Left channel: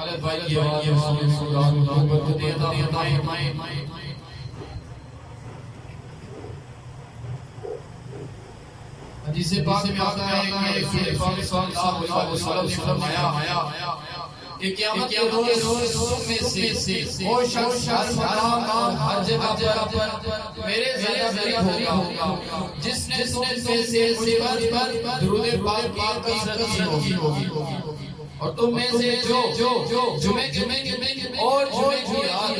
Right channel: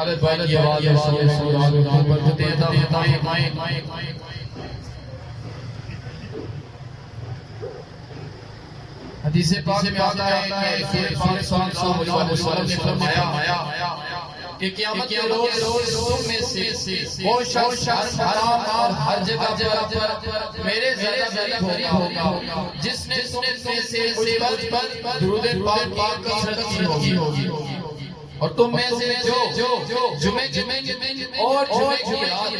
खालिद भाई की आवाज हदीस पाक में आता है कि रसूल सल्लल्लाहु अलैहि वसल्लम ने फरमाया कि क़यामत के रोज तुम में से वो शख्स हर जगह पर मेरे ज़रिए होगा जिसने तुम में से मुझ पर दुरूद पाक की कसरत की होगी और तुम में से जो जुमे और जुमे की रात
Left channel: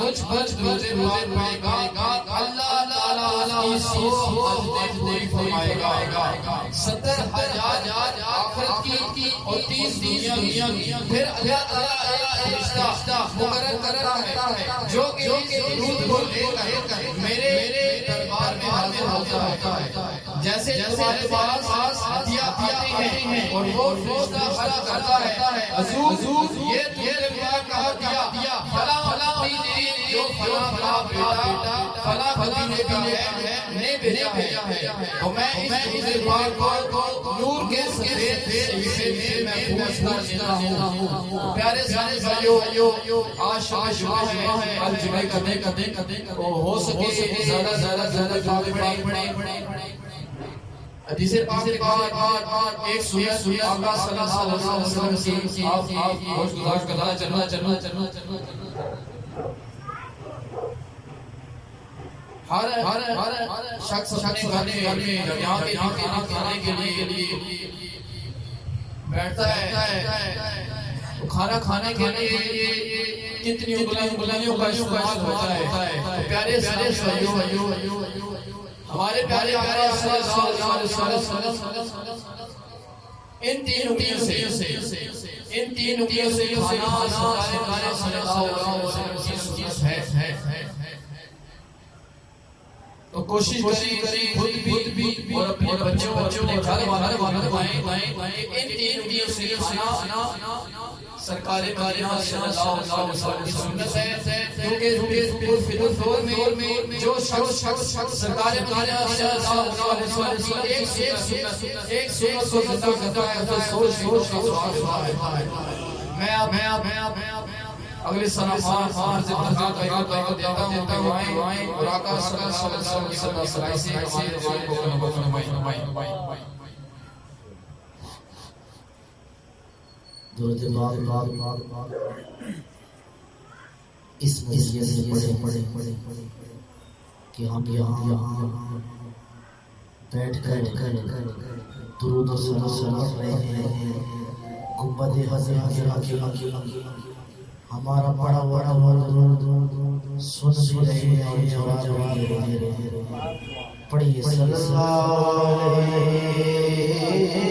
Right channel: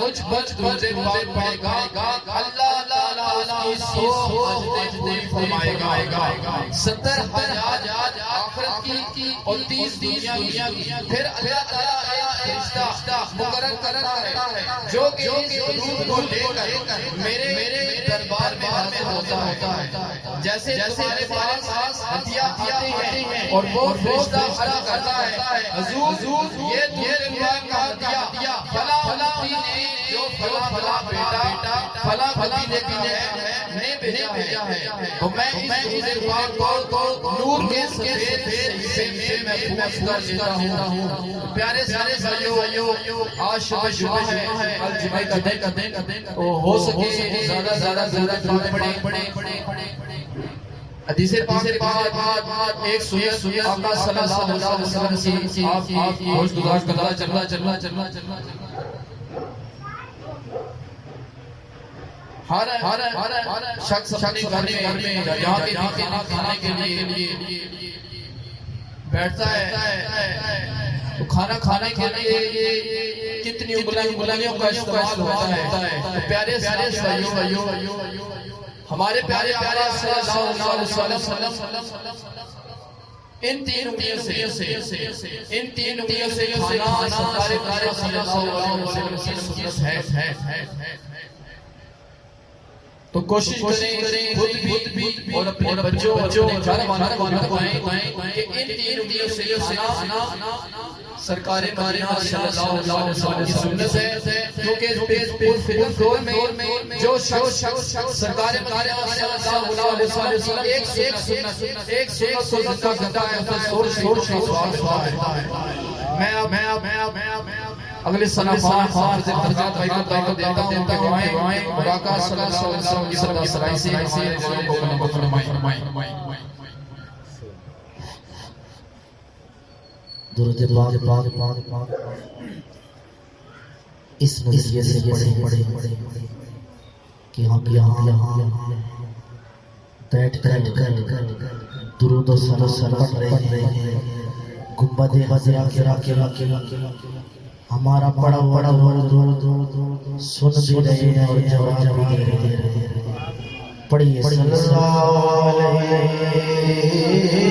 मुझ पर दुरूद पाक पढ़ेगा अल्लाह ताला इसकी सोच पूरी फरमाएगा 70,000 आखिरत की और 30 दुनिया की फिर अल्लाह ताला एक फरिश्ता मुकर्रर करता है जो कि दुरूद को लेकर मेरे दरबार में हाजिर होता है जैसे हमारे पास हदिया आते हैं और वो फरिश्ता अर्ज करता है हुजूर ये दुरूद पाक का हदिया फला ने जो फला बेटा फला ने भेजा है तो मैं इस दुरूद पाक को नूर के सफेद से महफूज कर लेता हूं। प्यारे सारे भाइयों आज शुभ है कल जुमे का दिन हो सके ज्यादा पढ़े हदीस पाक के बाद एक सुन्नत आका सल्लल्लाहु अलैहि वसल्लम की आप रोज गुजारिश करना चलना हर शख्स अपने घर में यहाँ के खाने के लिए बैठता है तो खाना खाने के लिए कितनी उंगलियों का इस्तेमाल होता है। तो प्यारे भाइयों हमारे प्यारे आका सल्लल्लाहु अलैहि वसल्लम इन तीन उंगलियों से खाना सरकारे सल्लल्लाहु अलैहि वसल्लम की सुन्नत है। तो कोशिश करें खुद भी और अपने बच्चों अपने घर वालों को बताएं कि इन तीन उंगलियों से खाना सरकारे मदीना सल्लल्लाहु अलैहि वसल्लम की सुन्नत है क्योंकि फितन दौर में जो शख्स सरकारे मदीना सल्लल्लाहु अलैहि वसल्लम एक सुन्नत को जिंदा करता है तो सोच मैं अगले सना फार से भाई को देता हूं दुआएं और आका सल्लल्लाहु अलैहि वसल्लम की सल्लल्लाहु से दिलों को फरमाई। दुरूद पाक इस नज़रिए से पढ़े कि हम यहाँ बैठ कर दुरूद और सलाम पढ़ रहे हैं। गुंबद ख़ज़रा के हमारा बड़ा दुरूद सुन भी रहे हैं और जवाब भी दे रहे हैं। पढ़िए सल्लल्लाहु अलैहि की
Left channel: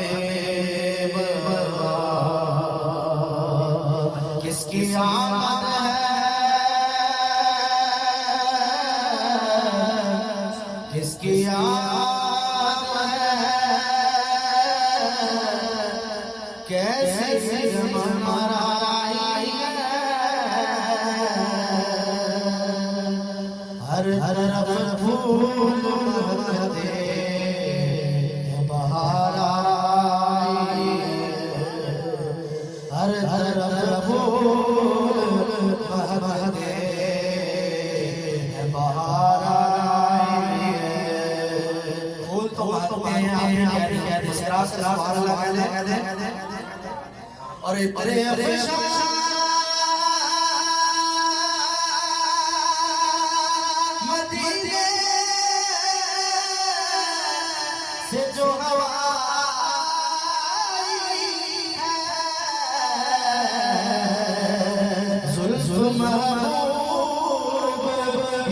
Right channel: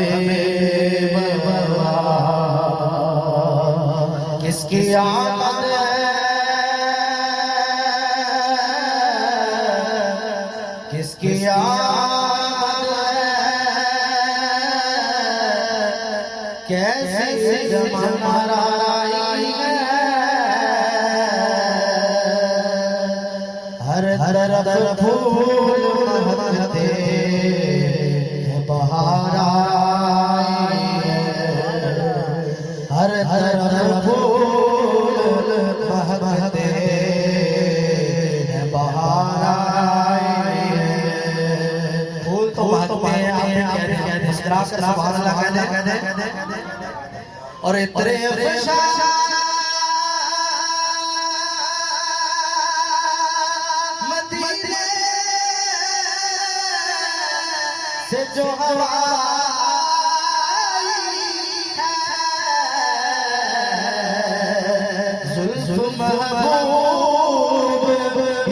मेरी किसकी आमद है किसकी कैसे जमाना आई है हर तरफ फूल महकते बहार आई है हर तरफ फूल महकते बहार आई है। फूल तो महकते हैं आप सुभान अल्लाह कहते और इतने मदीने से जो हवा आई है महबूब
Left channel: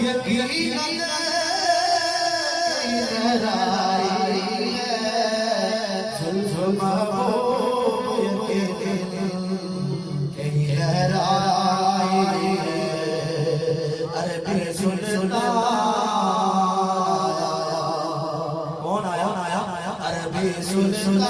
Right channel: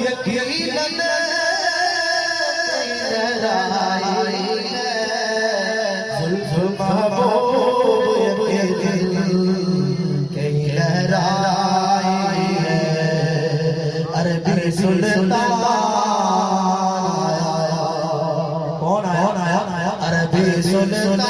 यकीनन लहराई जुल्फ महबूब यकीनन कहीं लहराई अरबी सुल्तान कौन आया अरबी सुल्तान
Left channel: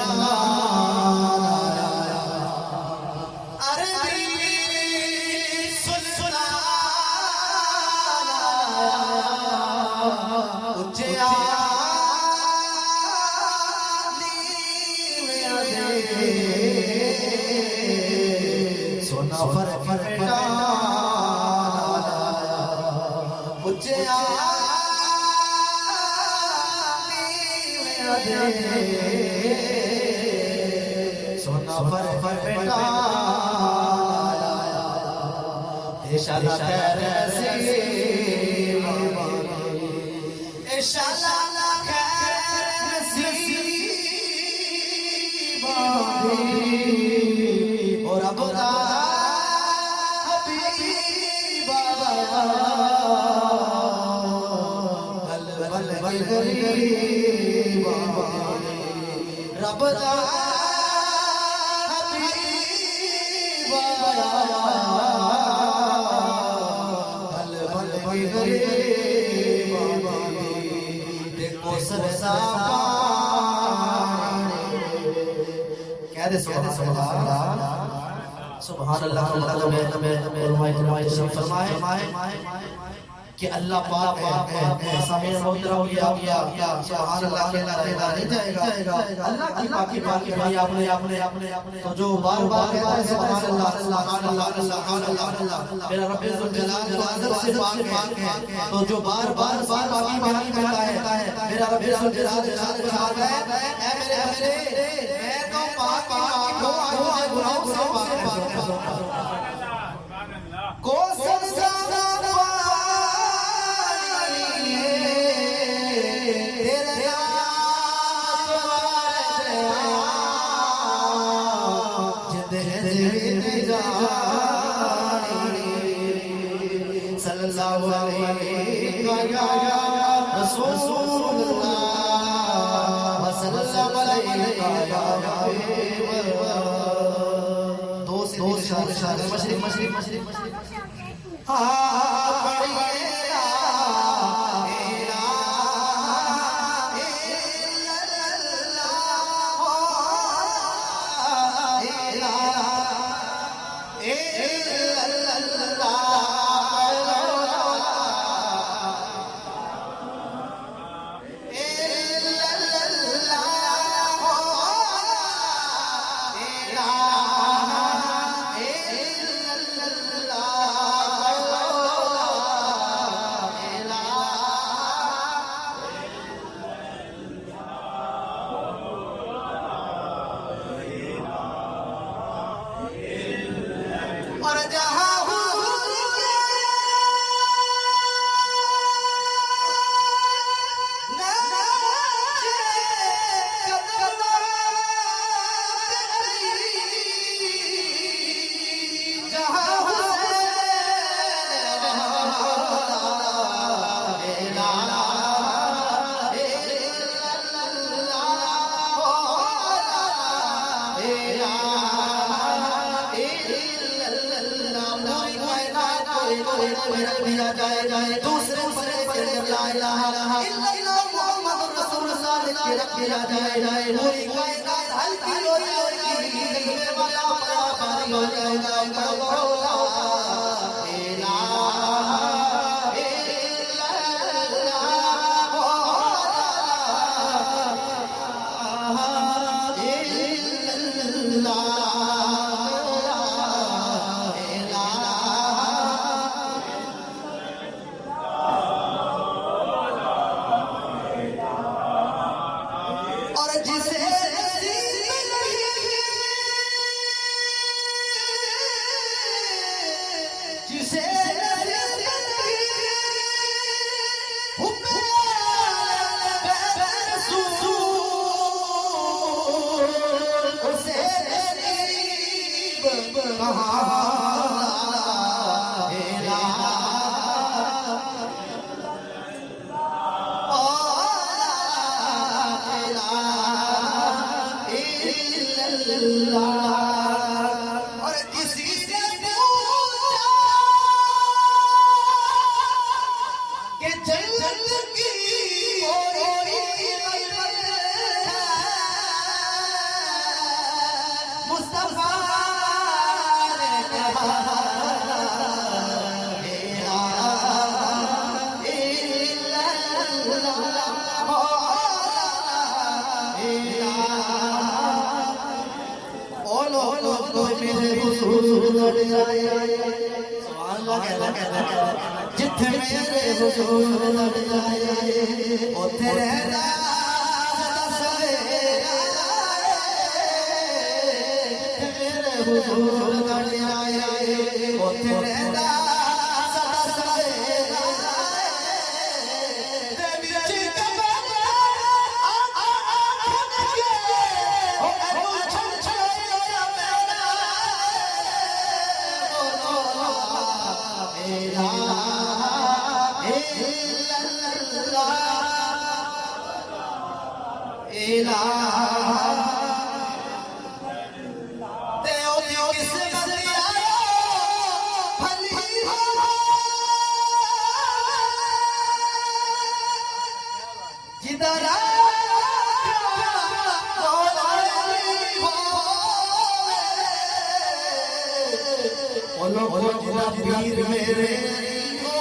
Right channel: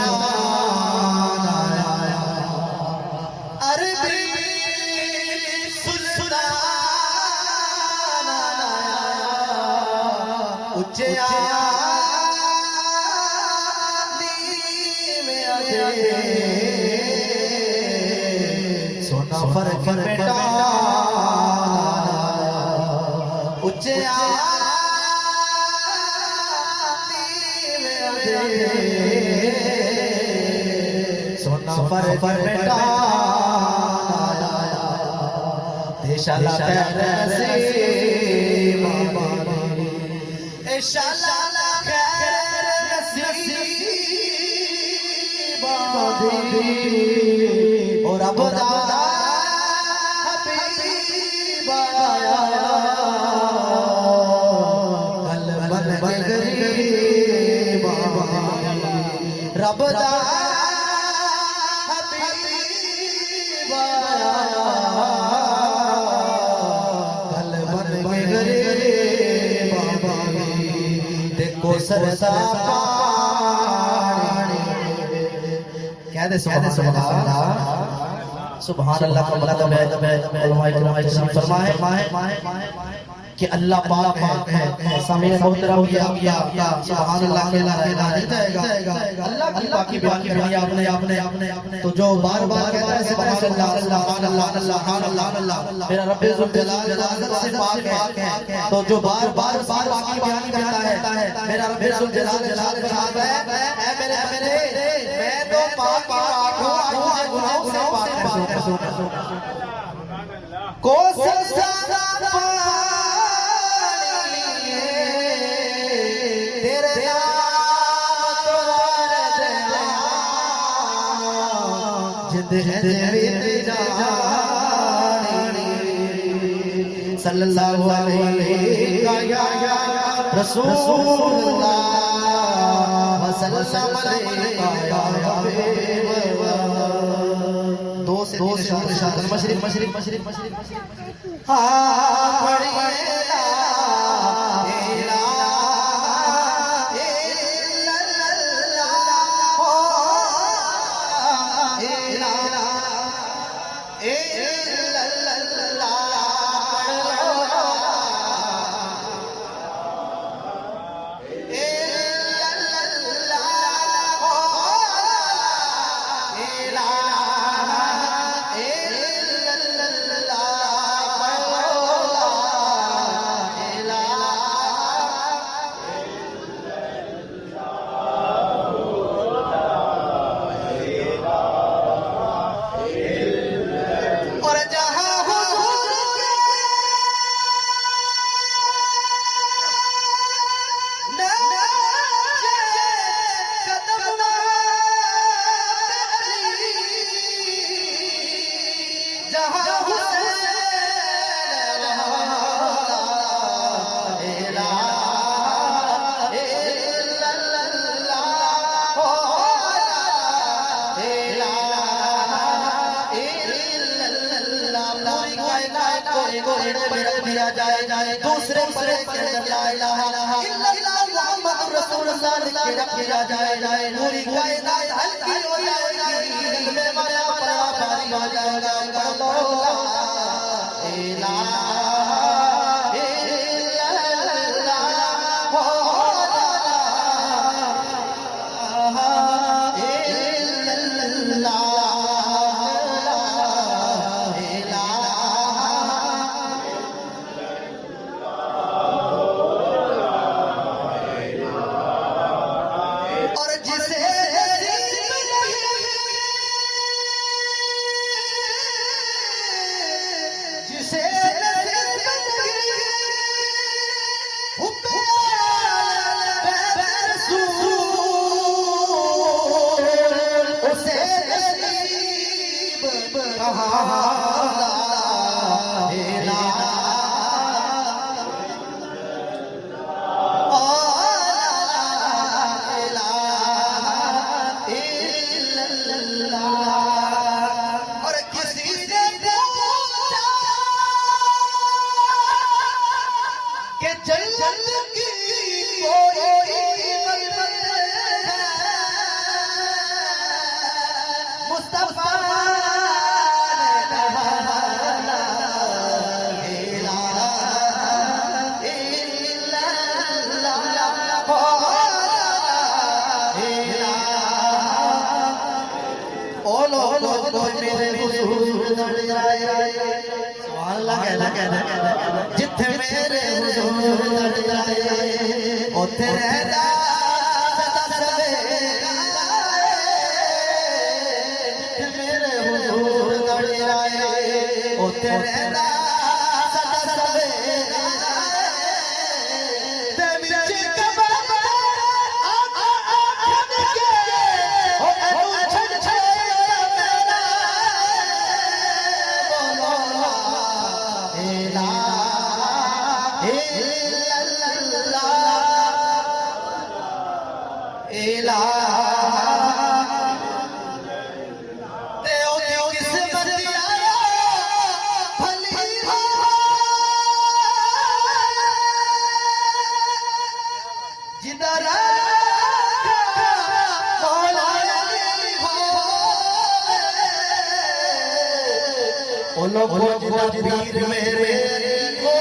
सोना फर्क बेटा उच्चे सोना फर्क बेटा देशाला और अब रबदा देखो सरसा कह दे सुभान अल्लाह का मतलब है कि अल्लाह पाक है सामने मोहतरम किया सुभान अल्लाह के नहीं जाएगा अल्लाह की बाकी भाई आपने तो जो बार कहता है सुभान अल्लाह सुभान अल्लाह मेरा रब जुल जलाल से पाक है तो जो बार बाकी करता है मेरा रब जुल जलाल का पाक है ऐ मेरे मैं तो पाक हूं गुनाहों से पाक है को सल्लल्लाहु अलैहि रसूलुल्लाह वसल्लम दो से मशरिक दूसरे ला इलाहा इल्लल्लाह मुहम्मद रसूलुल्लाह किया जाए पूरी कायनात हल्की हो जाएगी मेरा पारी हो जाएगा और किसी से पूछा कि जन्नत की कोई मुस्तफा ने कहा जिथे मेरे हुजूर लड़ जाए उथे रहना सवेरा जिथे मेरे हुजूर लड़ जाए उथे रहना सवेरा ते विच कबर पीर मेरे को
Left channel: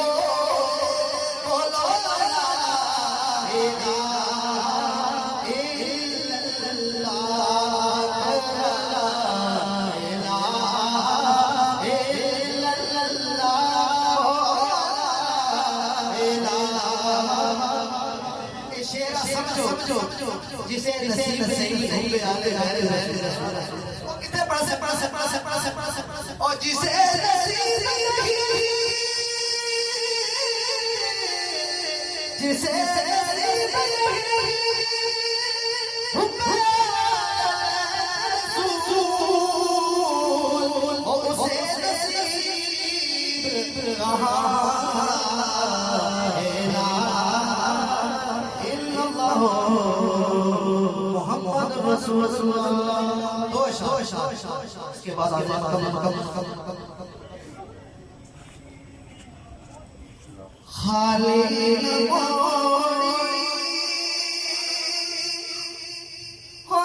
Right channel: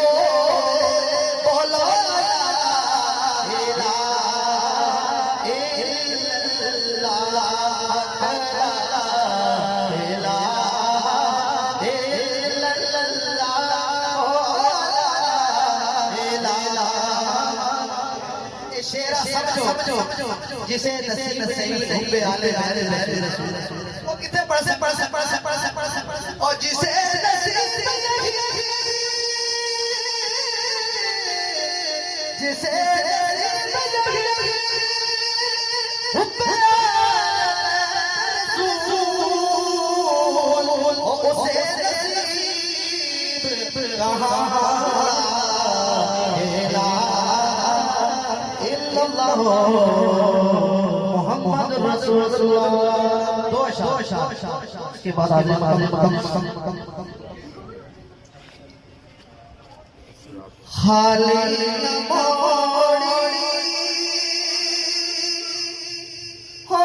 बोलो जिसे नसीब नहीं हुए आले वो कितने पढ़ और जिसे नसीब नहीं जिसे उसे नसीब मोहम्मद रसूलुल्लाह दो शाह के बाद खाली मोड़ी हो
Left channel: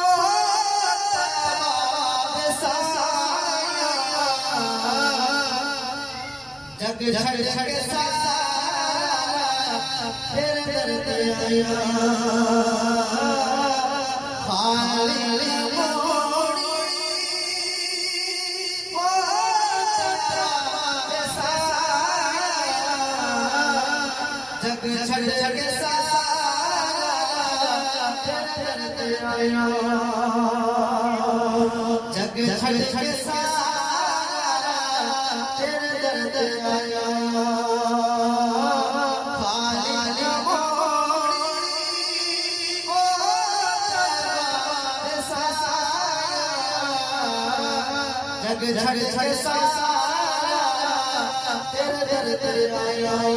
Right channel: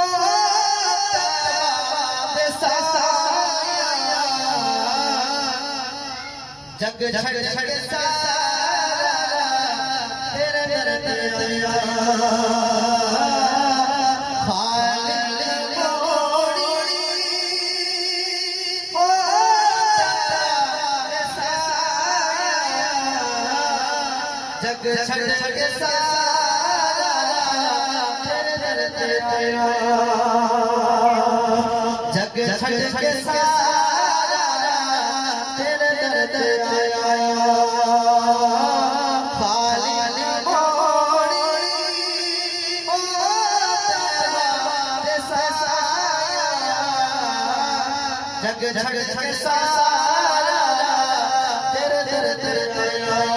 जग छड़ छड़ सारा तेरे दर्द आया जग छड़ छड़ सारा तेरे दर्द आया जग छड़ छड़ सारा तेरे दर्द आया खाली मोड़ी ओ तेरे सारा जग छड़ छड़ सारा तेरे दर्द आया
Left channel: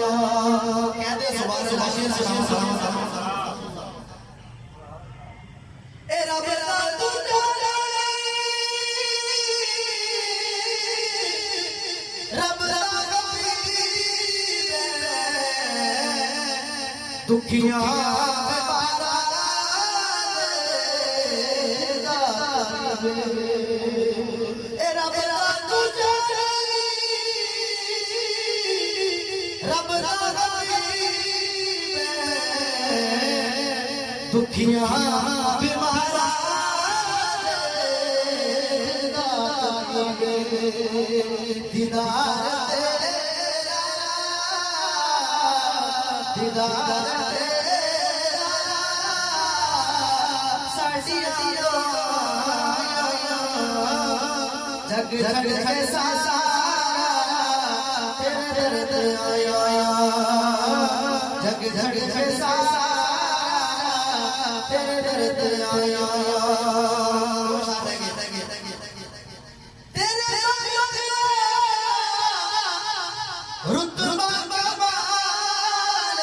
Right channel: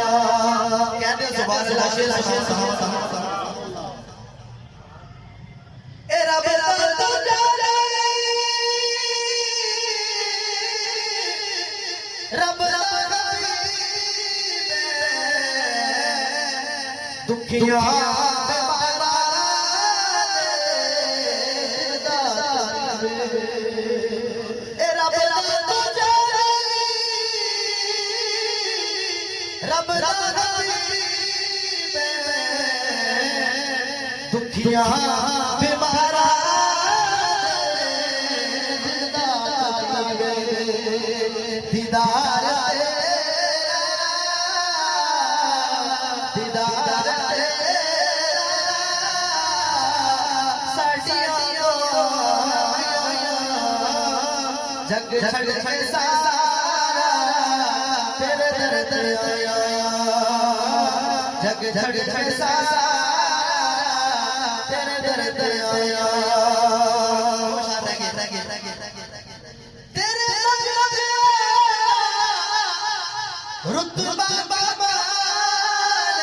दुखिया दुखिया बीमारा दीदार दीदार जग जग सारा तेरे दर्द आया जग जग सारा तेरे दर्द आया तेरे रुतबा कमाल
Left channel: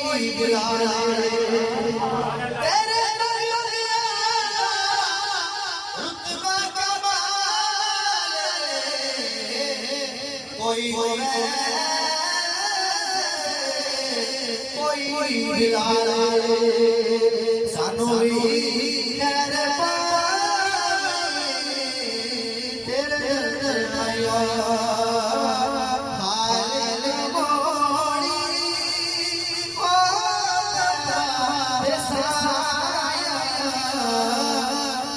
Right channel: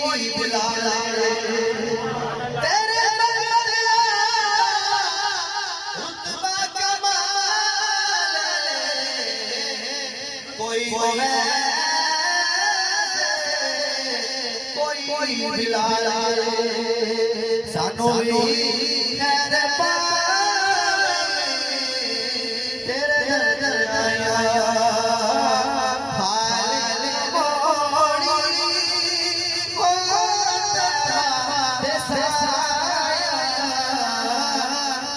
कोई बिलाल तेरे रुतबा कमाल कोई बिलाल सानू भी खैर पावे तेरे दर आया हाल मोड़ी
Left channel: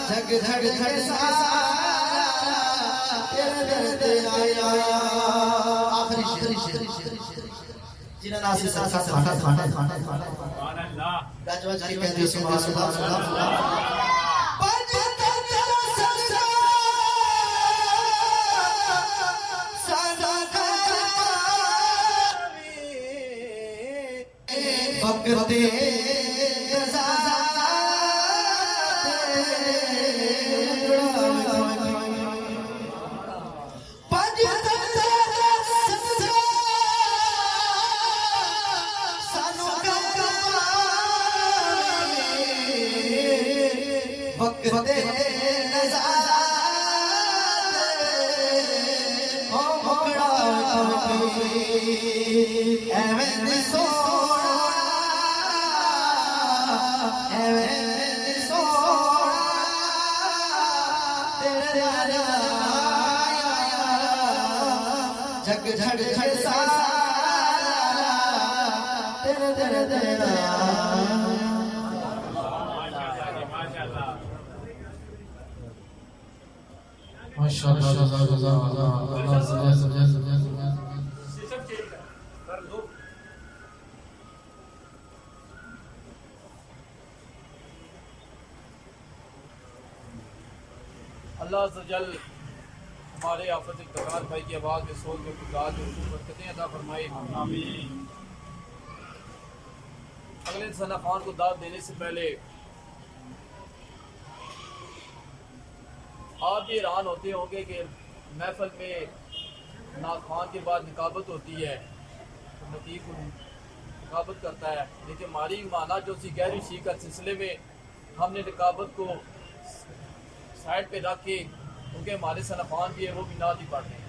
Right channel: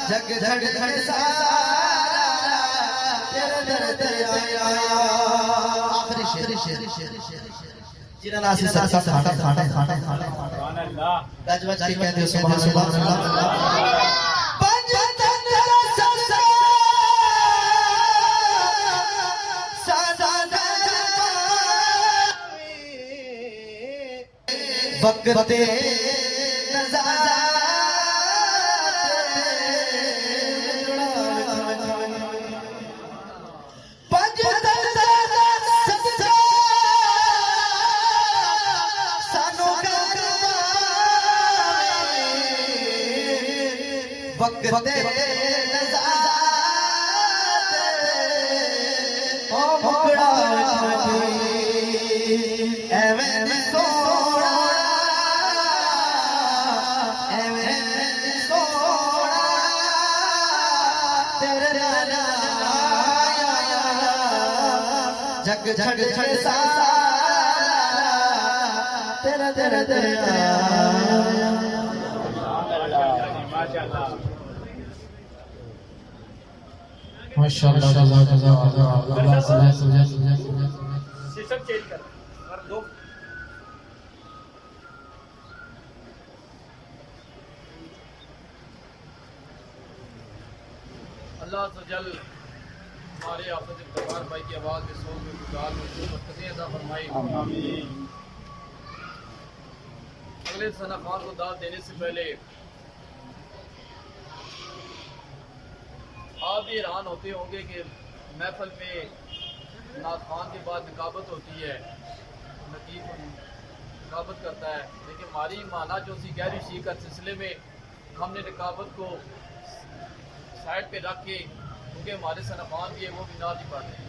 जग जग जग सारा तेरे दर आया आखिरी शेर जिन्हें नासी साटा साटा साटा साटा गज गज के कहते सुभान अल्लाह वक्ते वक्ते ओ मुकड़ा एवें सोना तेरे जग जग जग सारा तेरे तेरे तेरे माशाअल्लाह शीर्षक चेंज कर दो। अल्लाह सजल हमारे आफत इफ्तिखार भाई की आवाज़ में सोच में गुजार जो बरकतें अता फरमाए आमीन। अगले सना खान को दावत देने से पहले आप भी हैरान होते होंगे कि महफल में ना खान के बाद निकाबत होती है तो नतीक निकाबत करता है, लेकिन हमारी माना जो सी गहरी सीख के सिलसिले में हमने निकाबत को साइड पे रख के, क्योंकि हमारे सना खान भी है वो भी नात ही पढ़ रहे हैं।